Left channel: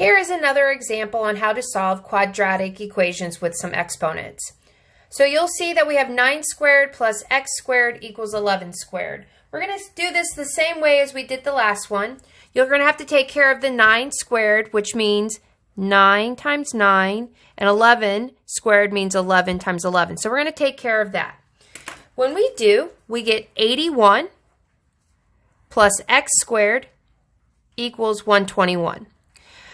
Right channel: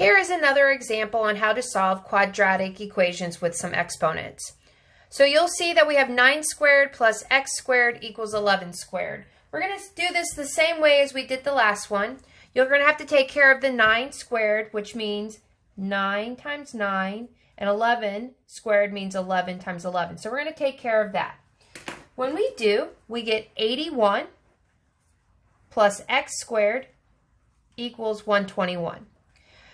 Here is another example on how to solve quadratic equations with some exponents. So you'll see that we have 9 squared plus x squared equals 11 squared. We're going to do this the same way as we did the last one. You're going to have to take care of the 9 squared, which means 9 times 9, and 11 squared means 11 times 11. So we're going to take care of that. When we do, we get 81 plus x squared equals 121.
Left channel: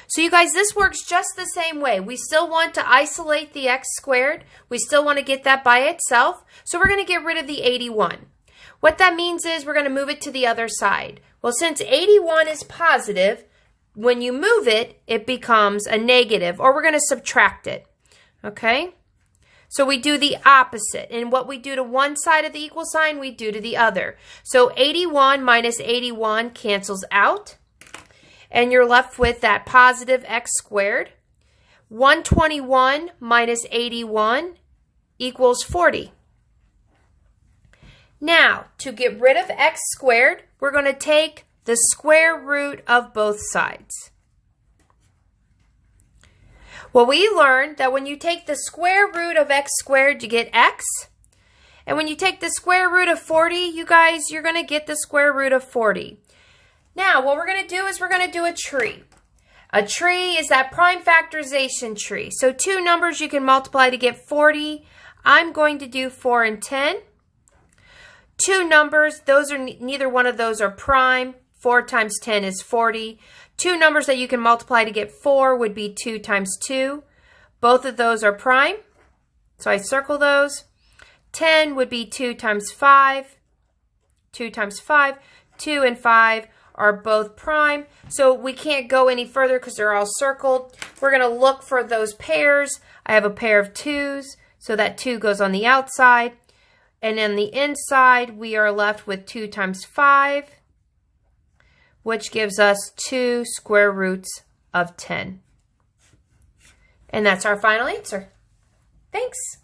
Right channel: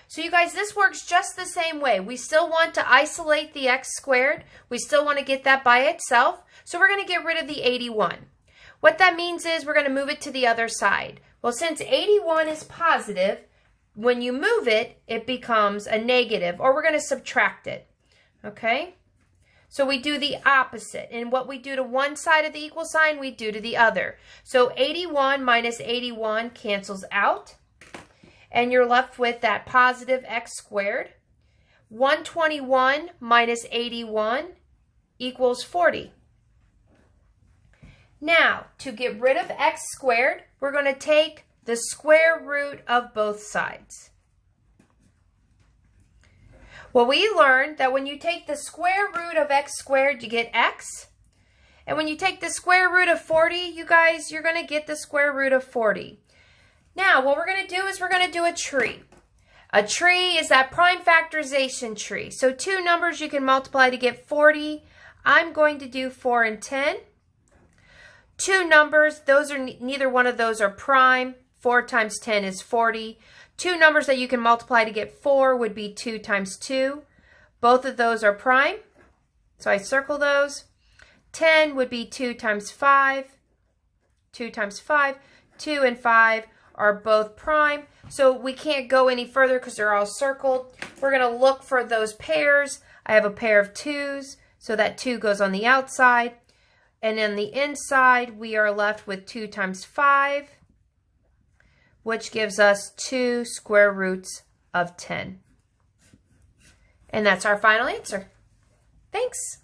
So you guys, this works just the same way. We still want to isolate the x squared. We still want to get that by itself. So we're going to get rid of the 81. What that means is we're going to move it to the other side. Well, since 81 is positive, when you move it, it becomes a negative, or we're going to subtract it. Okay? So we do the opposite. And what we do to one side of the equal sign, we do to the other. So 81 minus 81 cancels out. And you're left with that positive x squared. 121 minus 81 equals 40. Now, to get rid of x squared, we're going to take the square root of both sides. Well, we learned that when you take the square root of x squared, you get x. And when you take the square root of 40, you guys, you're going to get the square root of 40. Now, what we're going to do is we're going to do a tree. A tree is that prime factorization tree. So two numbers you can multiply to get 40. I'm going to do 4 and 10. Two numbers, neither one of those are prime. 4 times 10 is 40. Two numbers that you can multiply to get 4 would be 2 times 2. Both of those are prime, so I circle those. 10 would be 2 times 5. 2 times 5. 2 and 5 are both prime, so we can't go any further because they're all circled. We're going to look for those pairs. I have a pair of 2's, so that 2 goes on the outside. And on the inside, we are left with 2 times 5, which gives us 2 square roots of 10. And that's our final answer. Thanks.